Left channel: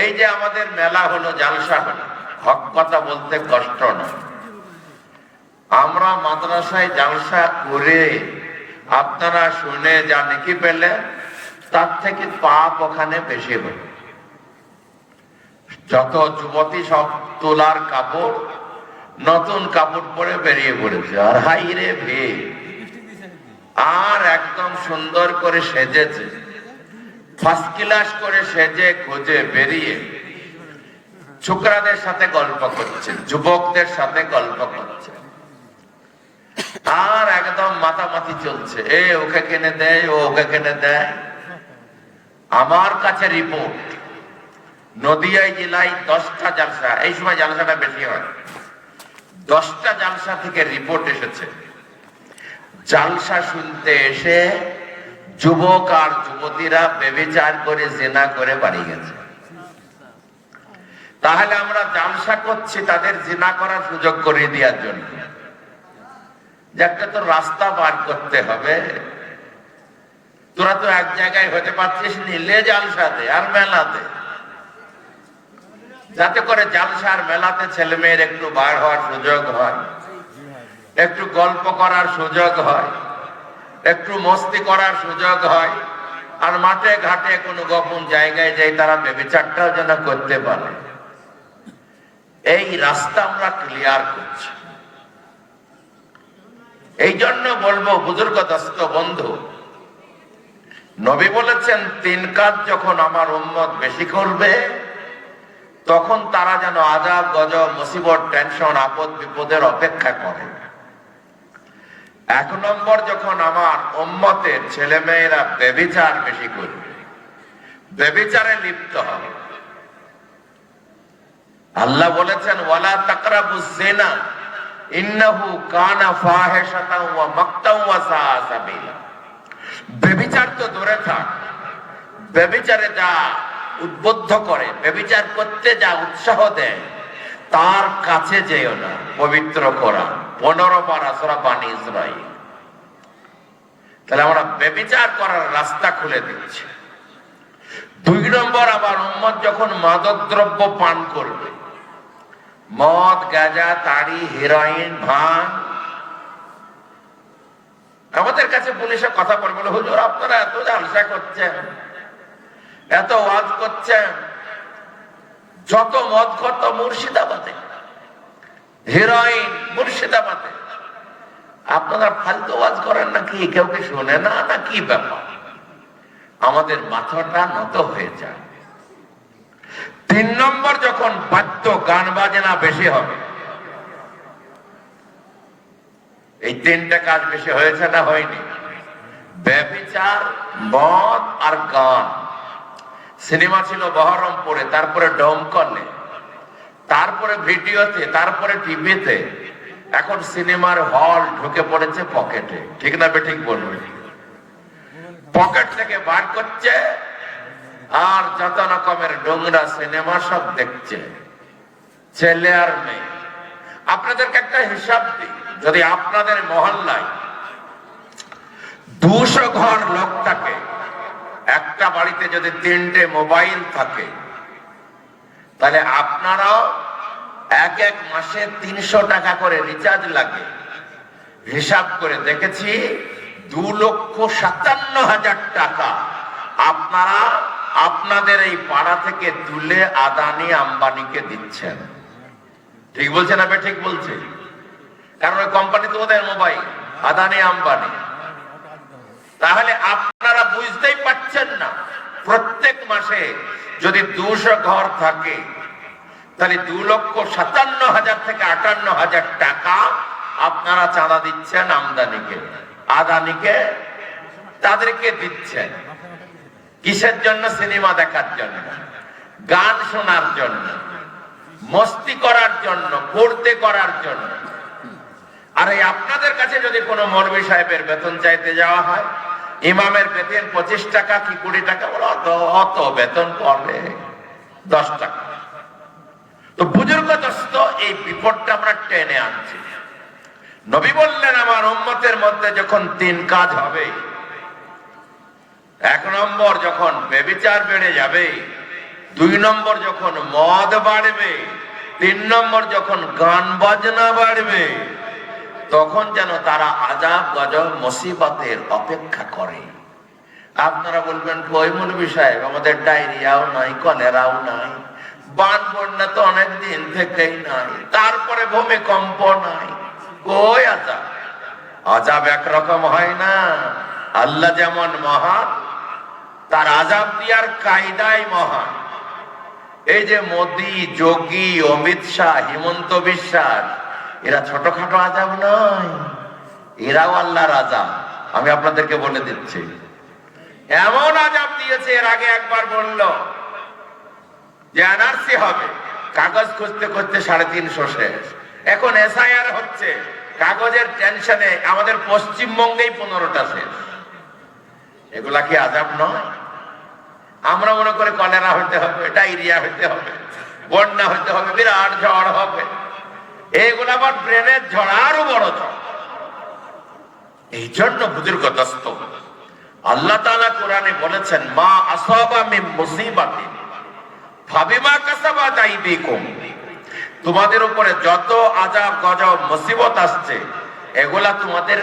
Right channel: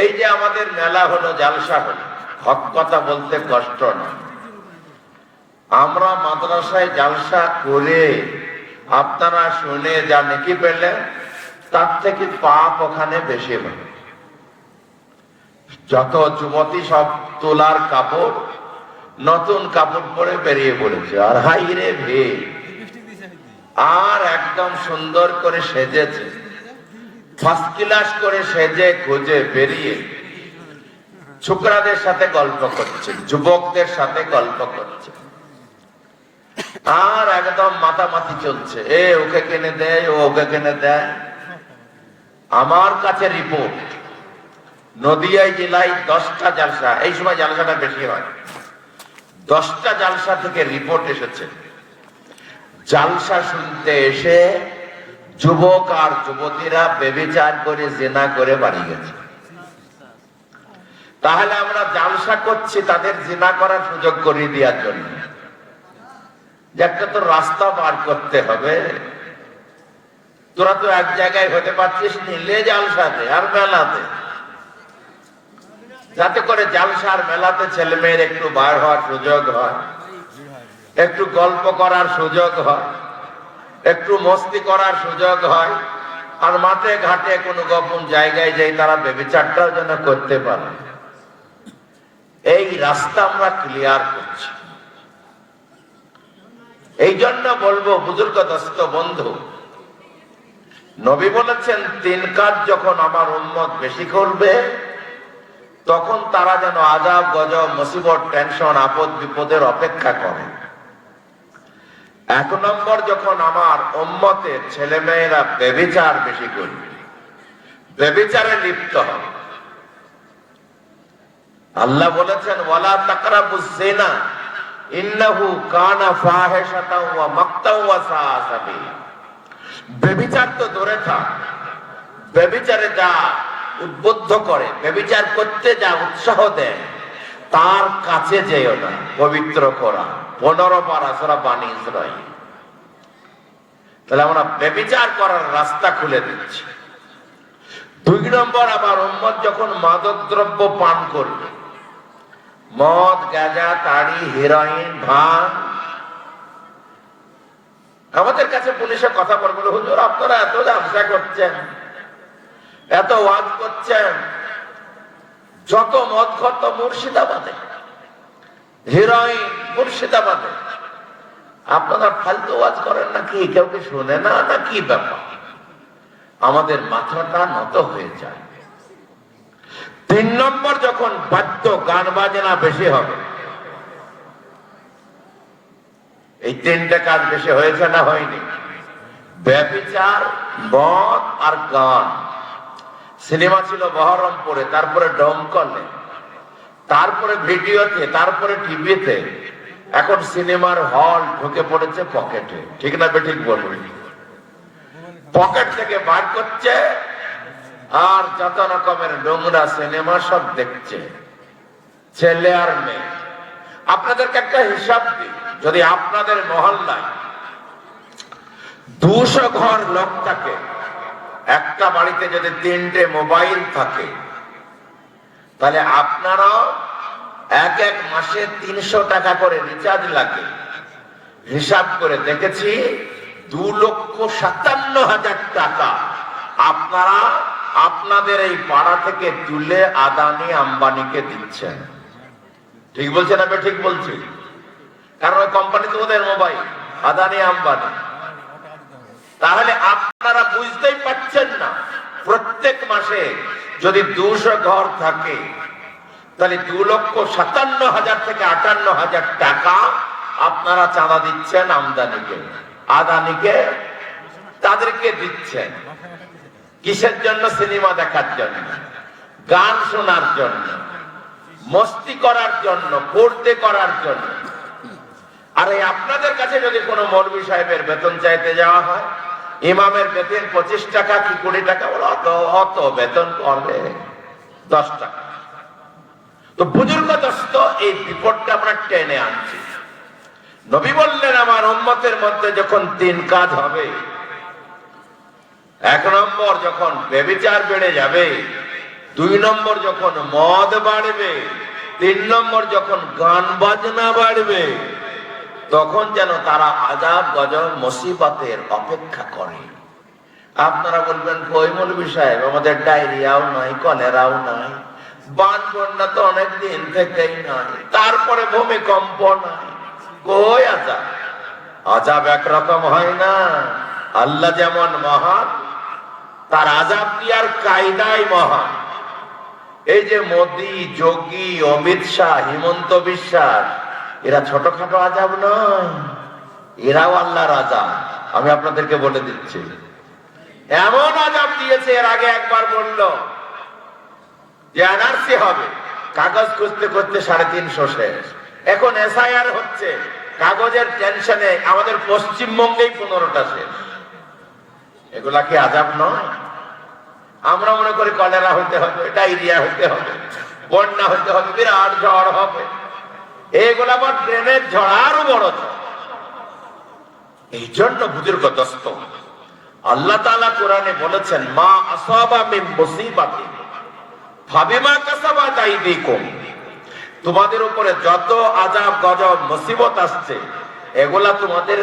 এই যে আমাদের মেলা হলো, জালসা হলো, হক কথা বলতে কষ্ট নয়। আমরা মাদ্রাসায় জালসা করে আপনারা শুনে যা নেকি পেলে, তার থেকে পাপ ওখানে বেশি হল। যত যুবতী সব তোলার কাপড়, নতুন কাপড় পরে বেরিয়ে পড়েছে, আর হাই রে ভে, আর একদম সুন্দর করে সেজেছে, ফার্স্ট ক্লাস করে সেজে খুঁজে বেরিয়ে ছোকরাদের সাথে গল্প করছে, যুবকদের সাথে গল্প করছে, আর একদম মাতামাতি চলছে, এ ওকে কিনে দেয়, ও ওকে কিনে দেয়। আমার কাছে রিপোর্ট, নদিয়া জেলায় 10টা জালসা, এই সময় জালসাটা বেশি হয়, 10টা জালসা থেকে রিপোর্ট এসেছে, জালসা শুনতে এসে যুবক আর যুবতীরা ব্যভিচার করে, জিনা করে বাড়ি গেছে। তাহলে আমরা জালসা করছি তাদের জিনা করার সুযোগ করে দেওয়ার জন্য। যে একটা তো রাস্তা পার করতে হবে, তোরা তো এক জায়গায় হতে পারছিস, নিলে জালসাতে আর মেলাতে, যাতে করে জালসা আর মেলাতে ছেলে মেয়ের একটু বার হওয়ার সুযোগ হয়, একটু গল্প করার সুযোগ হয়, একটু মস্তি করার সুযোগ হয়, আর মাঠে ঘাটে কোনো গোপন জায়গায় যাই তারা ব্যভিচারটাও যেন করতে পারে। এই রাস্তা আমরা ক্লিয়ার করছি। এই জন্য বলবো বুজুর্গ দোস্ত বন্ধু, নবী বলেছেন 3 কাজ যখন আমার উম্মত বেশি করবে, তখন তারা যেন আযাব, গজব, মুসিবত, টেনশন, আপদ বিপদের অপেক্ষা করে। 1 নম্বর, যখন আমার উম্মতের ছেলে মেয়েরা ব্যভিচার বেশি করবে, ব্যভিচারে লিপ্ত হবে। আল্লাহ বলেছেন ওয়ালা তাকরাবুজ জিনা ইন্নাহু কানা ফাহিশাতাও ওয়া মাকতাও ওয়া সাআ সাবিলা। ব্যভিচার তো দূরে থাক, ব্যভিচারে যা উদ্বুদ্ধ করে, ব্যভিচার করতে যা উৎসাহ দেয়, তার কাছে যেও না। পবিত্র কোরআন 15 পারা সূরা বানী ইসরাঈল। তাহলে আমরা ব্যভিচার করার রাস্তা খুলে দিচ্ছি। 2 নম্বর, আবার উম্মত যখন মাদক দ্রব্য পান করবে, মদ, গাঁজা, তাড়ি, হেরোইন, ভাঙ। আমাদের কাছে পুলিশে কথা বলবে, হুজুর আপনারা এত জালসা করছেন, এত ওয়াজ করছেন, যত মদ খত মুর্শিদাবাদে, হেরোইন মুর্শিদাবাদে, আপনারা ফালতু ওয়াজ করেন নাকি? কেউ কি শোনে না, না কি ব্যাপার? আমাদের মাথাটা নত হয়ে যায়। 3 নম্বর, যখন বাদ্য গান বাজনা বেশি হবে, এই 3টে কাজ বেশি হয়েছে না হয়নি? ব্যভিচার, মদ আর গান। সিনেমা ছিল বহরমপুরে, তারপরে ডোমকলে, তারপরে ভিডিওতে, তারপরে টিভিতে, এখন সিনেমার হল ঢুকে পড়েছে পকেটে। ঠিক না বেঠিক বলবে? পকেট থেকে বার করছে আর যত রকমের নোংরা সিনেমা সব দেখছে, ছেলে আর মেয়ে। আপনাদেরকে একটা হিসাব দিই, যদি আপনাদের মহল্লায় 200 ঘর লোক থাকে, একটা বাড়িতে যদি 3টে মোবাইল থাকে, তাহলে আপনারাও এক মাসে 300 টাকা করে রিচার্জ লাগে। হিসাব করে দেখেছি 2,57,000 টাকা আপনারা আপনাদের এই পাড়া থেকে তুলে আদানি আম্বানিকে দিচ্ছেন। ঠিক বলছে না? ঠিক বলছে। কারণ ওই কোম্পানি তো ওদের মোবাইল, আদানি আম্বানি। তাহলে আপনারা বুঝতেই পারছেন না, প্রত্যেক মাসে যদি 200 ঘর থাকে, তাহলে 2,57,000 থেকে 58,000 টাকা আপনারা চাঁদা দিচ্ছেন আমদানিকে, আদানিকে, তাদেরকে দিচ্ছেন। কিসের জন্য? সিনেমা দেখার জন্য, গান শোনার জন্য, মস্তি করার জন্য, পড়তে করার জন্য। আর এই আপনাদের কাছে যদি কোনো মৌলভী সাহেবের বেতন চাইতে যাওয়া হয়, ইমামের বেতন 25 টাকা কি 20 টাকা, বলো অত বেতন করবে 10 টাকা। তো বুজুর্গ দোস্ত, এই বিপদটা আমরা টেনে আনছি। নবী বললেন আমার উম্মতের মধ্যে যখন 3 কাজ হবে, 1 নম্বর, যখন ব্যভিচার বেড়ে যাবে, 2 নম্বর যখন মদ বাড়বে, 3 নম্বর যখন গান বাজনা বাড়বে, তখন যেন তারা আযাব গজব মুসিবতের অপেক্ষা করে। আপনারা বলবেন কই মৌলভী সাহেব, আমাদের ডায়রিয়াও নাই, কলেরাও নাই, বান বন্যা তো অনেক দিন থেকেই নাই, তারপরে ভূমিকম্প নাই, কই আযাব? আযাব একরকম হয় না। আল্লাহ যেমন মহান, তার আযাব দিয়ার কায়দাই মহান। এই যে মোদি, যোগী, অমিত শাহ, হিমন্ত বিশ্বাস, এরা ছোটখাটো আযাব নয়, এরাও আল্লাহর আযাব। আমি আপনাদেরকে বলে দিচ্ছি, এমন আযাব দিয়েছে। এর আগে একবার বলল যে এনআরসি হবে, কাগজ খুঁজতে খুঁজতে 350 শেষ। এখন এসআইআর হচ্ছে, কাগজের টেনশনে আমাদের পশ্চিমবঙ্গেই 15টা শেষ। এগুলা কি আযাব নয়? আমরা মনে করি কলেরা হইতে হবে, ডায়রিয়া হইতে হবে, বন্যা হইতে হবে, বিরাট ঝড় হবে। এগুলো আবার প্রেমের ঝড়, আরো বড় ঝড়। এই জন্য বুজুর্গ দোস্ত, আল্লাহ তাআলা কোরআনে বলেছেন, মা আসাবা মিন মুসিবাতিন ফাবিমা কাসাবাত আইদিকুম, তোমাদের উপরে যত আযাব গজব মুসিবত আসছে, এগুলা তোমাদের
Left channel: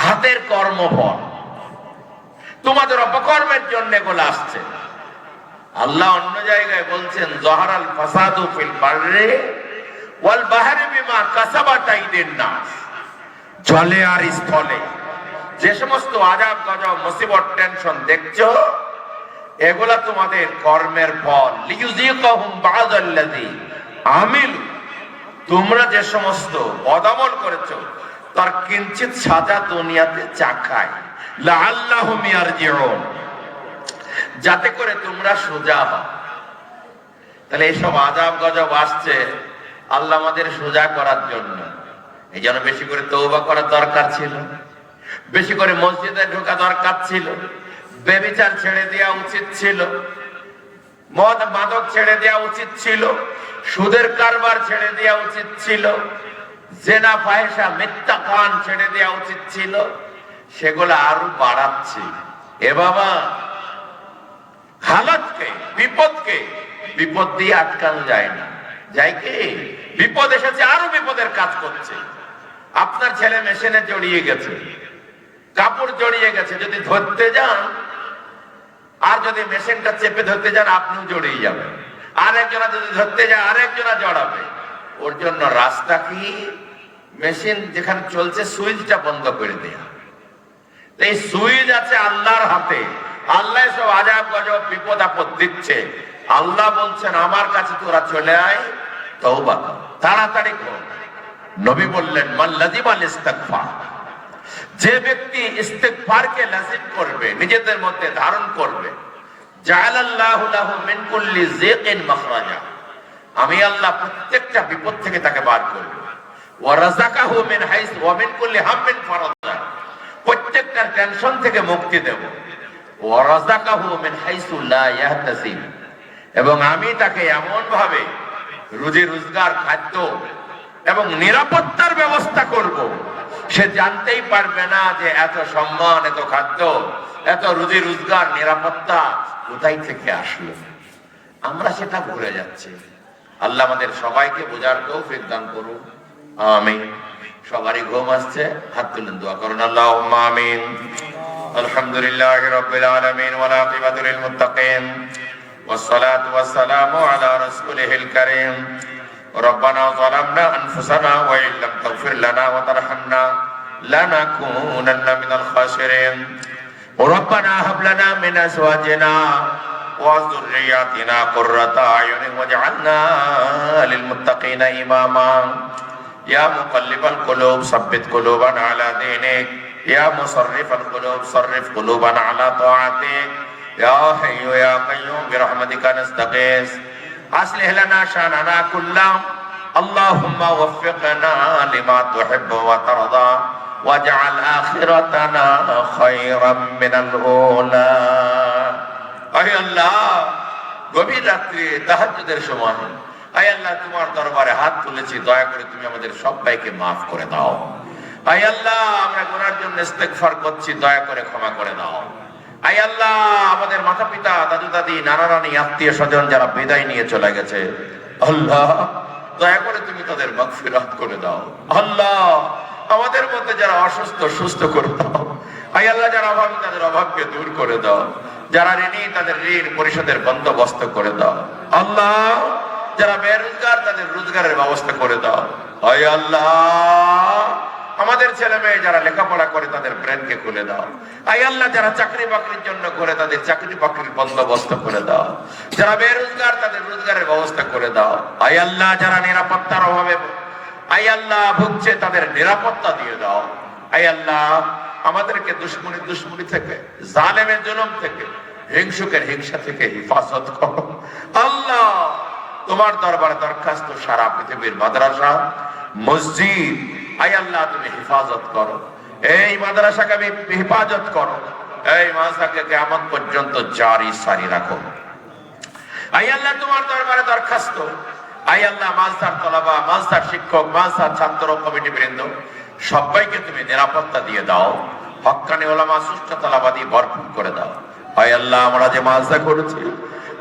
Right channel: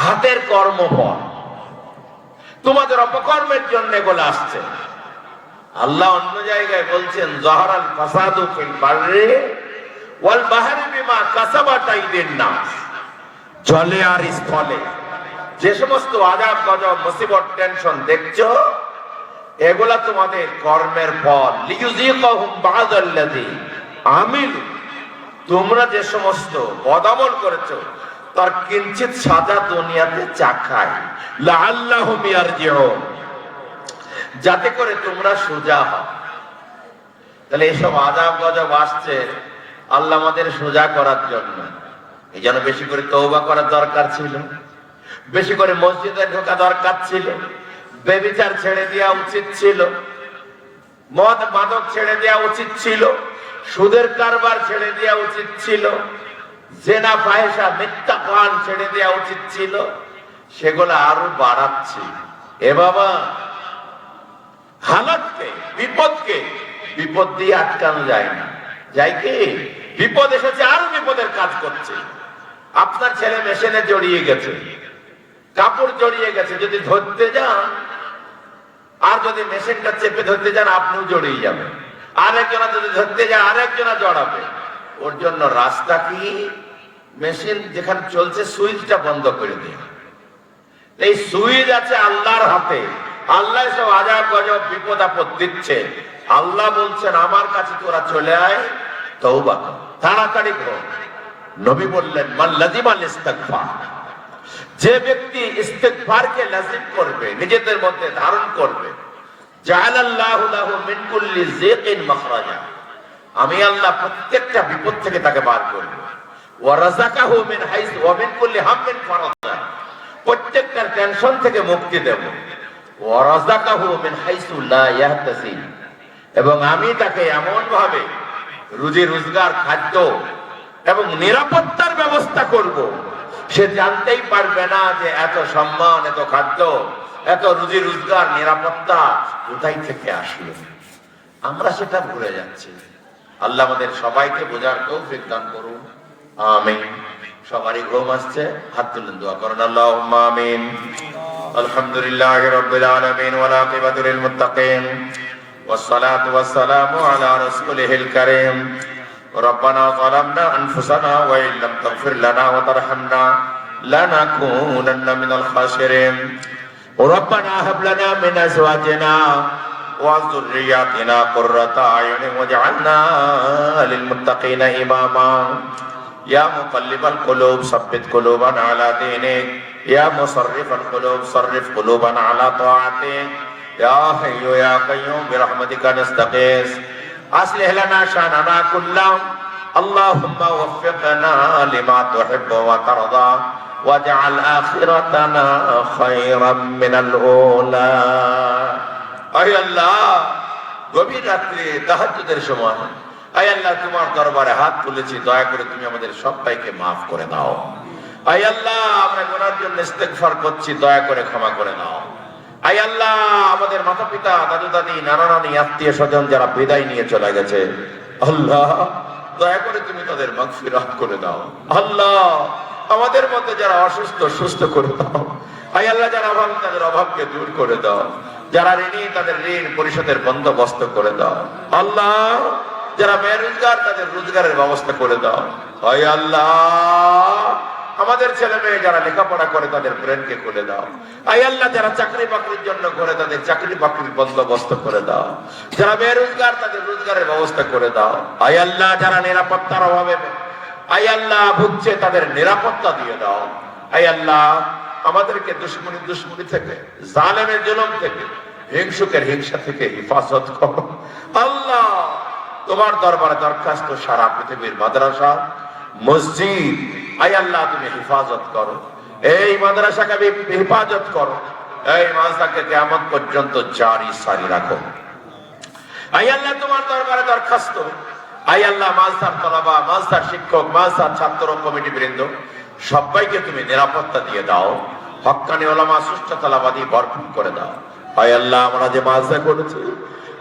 হাতের কর্মফল, তোমাদের অপকর্মের জন্য এগুলো আসছে। আল্লাহ অন্য জায়গায় বলছেন, যাহারাল ফাসাদু ফিল বাররি ওয়াল বাহরি বিমা কাসাবাত আইদিন নাস, জলে আর স্থলে যে সমস্ত আযাব গজব মুসিবত টেনশন দেখছো, এগুলা তোমাদের কর্মের ফল। লিইউযিকাহুম বা'দাল্লাযী আমিলু, তোমরা যে সমস্ত বদামল করেছো তার কিঞ্চিত সাজা দুনিয়াতে চাখায়, লাআল্লাহুম ইয়ারজিউন, যাতে করে তোমরা সোজা হও। তাহলে এইসব আযাব গজব আসছে আল্লাহ আমাদের সোজা করার জন্য। এই জন্য বেশি করে তওবা করা দরকার ছিল, বেশি করে মসজিদে ঢোকা দরকার ছিল, বেবিচার ছেড়ে দেওয়া উচিত ছিল, মদ মাদক ছেড়ে দেওয়া উচিত ছিল, সুদের কারবার ছেড়ে দেওয়া উচিত ছিল, জেনা ফাহিশা মিথ্যা গান ছেড়ে দেওয়া উচিত ছিল। সেগুলো আরো বাড়াচ্ছে। এ বাবা, হালাতকে, বিপদকে বিপদ দিয়ে আটকানো যায় না, যাই কি? বিপদ এসেছে, আরো বিপদের কাজ করছে। আপনার ছেলে মেশিনে জড়িয়ে গেছে, কাপড় জড়িয়ে গেছে, যদি ধরতে যান আর যদি মেশিনটা চেপে ধরতে যান, আপনিও জড়িয়ে যাবেন। আরেকজনা যদি ধরতে যায়, আরেকজনা জড়াবে। ওর জন্য রাস্তা কি? মেশিন যেখানে চলছে সুইচটা বন্ধ করে দেয়া। এই সুইচ আছে আল্লাহর হাতে। আল্লাহ সব আযাব গজব বিপদ আপদ দিচ্ছে। আল্লাহ বলছেন, আমার কাছে তোরা চলে আয়, তওবা কর, তাড়াতাড়ি কর। নবী বললেন, মান লাযিমাল ইস্তিগফার, যে ব্যক্তি ইস্তিগফারকে লাজিম করবে, নিজেদের মধ্যে ধারণ করবে, জাআলাল্লাহু লাহু মিন কুল্লি যিকিন মাখরাজা, আমি আল্লাহ প্রত্যেকটা বিপদ থেকে তাকে বার করব। ওয়া রাযাকাহু মিন হাইসু ওয়া মিন কুল্লি হাম্মিন ফারাজা, প্রত্যেকটা টেনশন থেকে মুক্তি দেব। ওয়া রাযাকাহু মিন হাইসু লা ইয়াহতাসিব, এবং আমি তাকে এমন ভাবে রুজি রোজগার, খাদ্য এবং নিরাপত্তার ব্যবস্থা করব, সে জানতেই পারবে না যে এত সম্মান, এত খাদ্য, এত রুজি রোজগার, নিরাপত্তা কোথায় থেকে আসলো। আমরা সেটা ভুলে যাচ্ছি। আল্লাহ আমাদের সবাইকে বোঝার তৌফিক দান করুন, আমিন। সবারই ঘুম আসছে, হাত তুলেন, দোয়া করুন, আল্লাহুম্মা আমিন। আলহামদুলিল্লাহি রাব্বিল আলামিন ওয়াল আকিবাতু লিল মুত্তাকিন ওয়াস সালাতু ওয়াস সালামু আলা রাসূলিল কারীম। ربنا ظلمنا أنفسنا وإن لم تغفر لنا وترحمنا لنكونن من الخاسرين. ربنا هب لنا من أزواجنا وذرياتنا قرة أعين واجعلنا للمتقين إماما. يا مقلب القلوب ثبت قلوبنا على دينك. يا مصرف القلوب صرف قلوبنا على طاعتك. يا حي يا قيوم برحمتك نستغيث. أصلح لنا شأننا كله. اللهم وفقنا لما تحب وترضى واجعل آخرتنا خيرا من الأولى. أي الله, গভীর রাত্রে তাহাজ্জুদের সময়, আয় আল্লাহ তোমার দরবারে হাত তুলেছি, দয়া করে তুমি আমাদের সবাইকে মাফ করে দাও। আয় আল্লাহ, আমরা গুনার জন্য ইস্তেগফার করছি, দয়া করে ক্ষমা করে দাও। আয় আল্লাহ, আমাদের মাতা পিতা, দাদু দাদি, নানা নানি, আত্মীয় স্বজন যারা বিদায় নিয়ে চলে গেছে, আল্লাহ দয়া করে তুমি তাদের মাগফিরাত করে দাও। আল্লাহ আমাদের মধ্যে যারা অসুস্থ সুস্থ করে দাও। আয় আল্লাহ, যারা অভাবী তাদের অভাবকে দূর করে দাও। যারা ঋণী তাদের ঋণ পরিশোধের বন্দোবস্ত করে দাও। আল্লাহ যারা বেরোজগার তাদের রোজগারের ব্যবস্থা করে দাও। আয় আল্লাহ আমাদের ছেলে মেয়ে যারা লেখাপড়া করে তাদের ব্রেনকে খুলে দাও। আয় আল্লাহ যারা চাকরি বাকরির জন্য করে তাদের চাকরি বাকরির বন্দোবস্ত করে দাও। যারা বেরোজগার তাদের রোজগারের ব্যবস্থা করে দাও। আয় আল্লাহ যারা নিরাপত্তার অভাবে আয় আল্লাহ ভুগছে তাদের নিরাপত্তা দিয়ে দাও। আয় আল্লাহ আমাদেরকে দুশ্মনী থেকে, জালেমের জুলুম থেকে, হিংসুকের হিংসা থেকে হেফাজত করো। আল্লাহ তোমার দরবারে দরখাস্ত, সারা পৃথিবীর মাদ্রাসা মসজিদ আয় আল্লাহ তুমি হেফাজত করো। এই মাদ্রাসাকে হেফাজত করো। এই মাদ্রাসাকে কিয়ামত পর্যন্ত জারি সারি রাখো। আয় আল্লাহ তোমার দরবারে দরখাস্ত, আয় আল্লাহ মাদ্রাসার তলাবা, মাদ্রাসার শিক্ষক, মাদ্রাসার ছাত্র কমিটি বৃন্দ সবাইকে তুমি নিরাপত্তা দিয়ে দাও। হক্কানি উলামা সুষ্ঠু তলাবাদী ভরপুর করে দাও। আয় আল্লাহ আমরা যে মাদ্রাসা করেছি,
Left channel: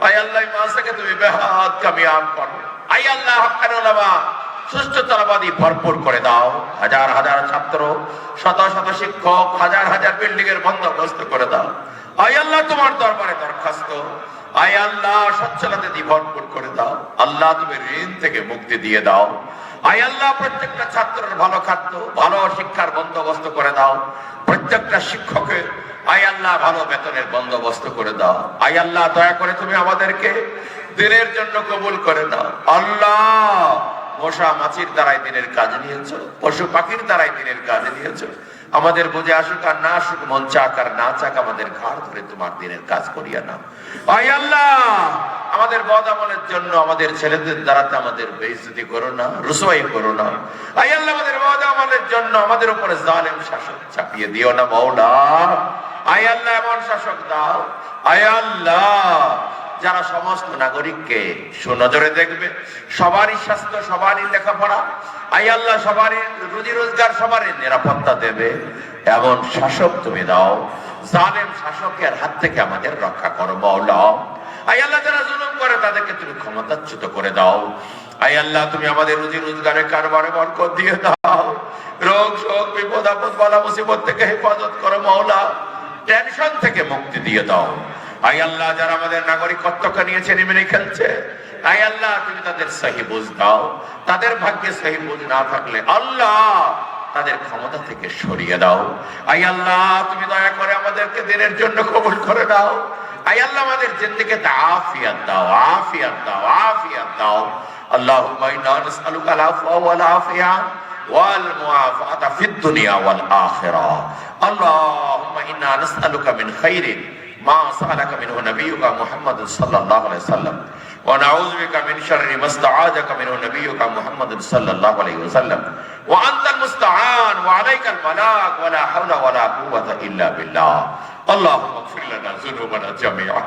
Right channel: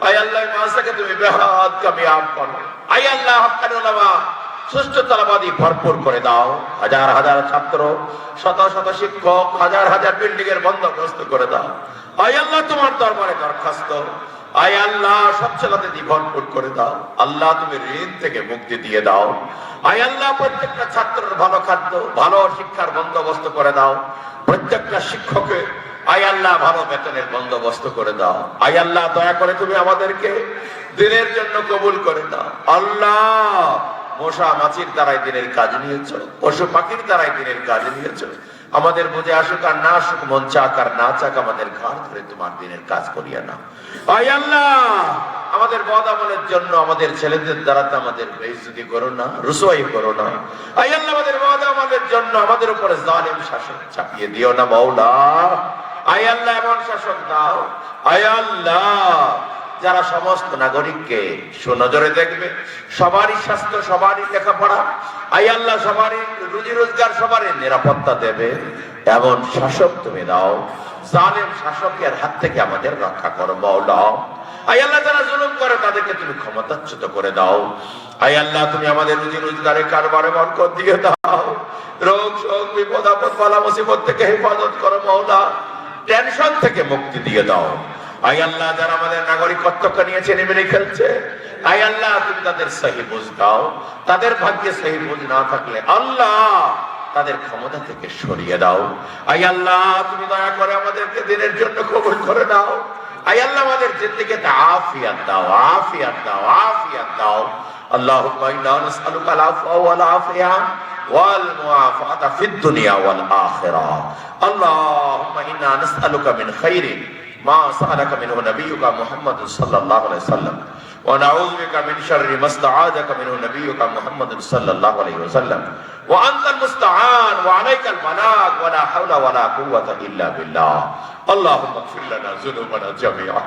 আয় আল্লাহ মাদ্রাসাকে তুমি বেহাত কামিয়াব করো। আয় আল্লাহ হক্কানি উলামা সুষ্ঠু তলাবাদী ভরপুর করে দাও। হাজার হাজার ছাত্র, শত শত শিক্ষক, হাজার হাজার বিল্ডিং এর বন্দোবস্ত করে দাও। আয় আল্লাহ তোমার দরবারে দরখাস্ত, আয় আল্লাহ সচ্ছলতা দিয়ে ভরপুর করে দাও। আল্লাহ তুমি ঋণ থেকে মুক্তি দিয়ে দাও। আয় আল্লাহ প্রত্যেকটা ছাত্রের ভালো খাদ্য, ভালো শিক্ষার বন্দোবস্ত করে দাও। প্রত্যেকটা শিক্ষকের আয় আল্লাহ ভালো বেতনের বন্দোবস্ত করে দাও। আয় আল্লাহ দয়া করে তুমি আমাদেরকে দিনের জন্য কবুল করে দাও। আল্লাহ মশা মাছির দ্বারাই দিনের কাজ নিয়েছ, পশু পাখির দ্বারাই দিনের কাজ নিয়েছ। আমাদের বুঝে আসুক আর না আসুক, মন চাক আর না চাক, আমাদের ঘাট ধরে তোমার দিনের কাজ করিয়া নাও। আয় আল্লাহ আমাদের বদ আমলের জন্য আমাদের ছেলেদের দ্বারা আমাদের বেইজ্জতি করো না, রুসওয়াই করো না। আয় আল্লাহ আমাদের বদ আমলের জন্য আমাদের উপরে জালেম শাসন চাপিয়ে দিও না মাওলা। আয় আল্লাহ এমন শাসক দাও, আয় আল্লাহ যারা সমস্ত নাগরিককে সুনজরে দেখবে, সবারই স্বাস্থ্য, সবারই লেখাপড়া, আয় আল্লাহ সবারই রুজি রোজগার, সবারই নিরাপত্তা দেবে এমন শাসক তুমি দাও। জালেম শাসকের হাত থেকে আমাদের রক্ষা করো মাওলা। আয় আল্লাহ যারা জুলুম করে তাদেরকে তুমি ক্ষমতাচ্যুত করে দাও। আয় আল্লাহ তুমি আমাদের রুজি রোজগারে কারবারে বরকত দিয়ে দাও। রোগ শোক বিপদ আপদ বালা মুসিবত থেকে হেফাজত করো মাওলা। টেনশন থেকে মুক্তি দিয়ে দাও। আয় আল্লাহ যারা আমাদের নাগরিকত্বকে নিয়েছে নিমেরে খেলছে, আয় আল্লাহ তুমি তাদের সহি বুঝ দাও। তাদের ভাগ্যে সহি বুঝ না থাকলে আল্লাহ তাদের ক্ষমতা থেকে সরিয়ে দাও। আয় আল্লাহ তুমি দয়া করে আমাদেরকে দিনের জন্য কবুল করে দাও। আয় আল্লাহ আমাদের জিন্দেগিতে আফিয়াত দাও, আফিয়াত দাও, আফিয়াত দাও। আল্লাহুম্মা ইন্না নাসআলুকা আল-আফওয়া ওয়াল আফিয়া ওয়াল মুআফাতা ফিদ দুনিয়া ওয়াল আখিরাহ। আল্লাহুম্মা ইন্না নাসআলুকা মিন খাইরিন মা সাআলাকা মিনহু নাবিয়্যুকা মুহাম্মাদুন সাল্লাল্লাহু আলাইহি ওয়াসাল্লাম ওয়া নাউযু বিকা মিন শাররি মা ইসতাআযাকা মিনহু নাবিয়্যুকা মুহাম্মাদুন সাল্লাল্লাহু আলাইহি ওয়াসাল্লাম ওয়া আনতাল মুস্তাআন ওয়া আলাইকাল বালাগ ওয়া লা হাওলা ওয়া লা কুওয়াতা ইল্লা বিল্লাহ। اللهم اغفر لنا ذنوبنا جميعا.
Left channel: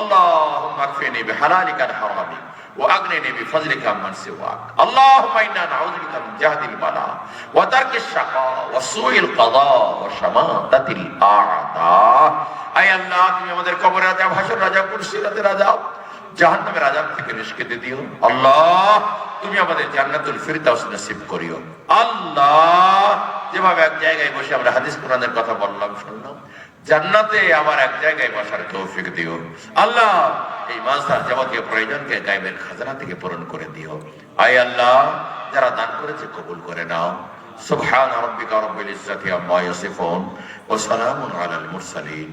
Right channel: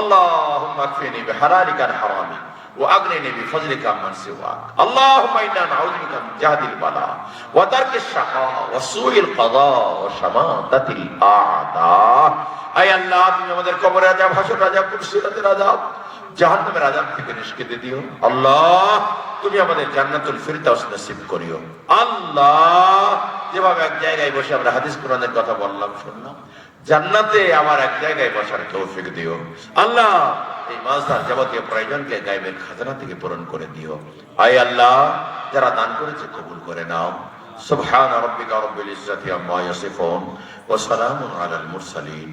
اللهم اكفني بحلالك عن حرامك واغنني بفضلك عمن سواك. اللهم انا نعوذ بك من جهد البلاء وترك الشقاء وسوء القضاء وشماتة الاعداء. اي الله তুমি আমাদের কবরের আযাব, হাসরের আযাব, কুরসিরাতের আযাব, জাহান্নামের আযাব থেকে নিষ্কৃতি দিও। আল্লাহ তুমি আমাদের জান্নাতুল ফিরদাউস নসিব করিও। আল্লাহ যেভাবে এক জায়গায় বসে আমরা হাদিস কোরআনের কথা বললাম শুনলাম, জান্নাতে আমার এক জায়গায় বসার তৌফিক দিও। আল্লাহ এই মাঝদার যাবতীয় প্রয়োজনকে গায়বের খাজানা থেকে পূরণ করে দিও। আয় আল্লাহ যারা দান করেছে কবুল করে নাও। সুবহান রাব্বিকা রাব্বিল ইজ্জাতি আম্মা ইয়াসিফুন ওয়া সালামুন আলাল মুরসালিন।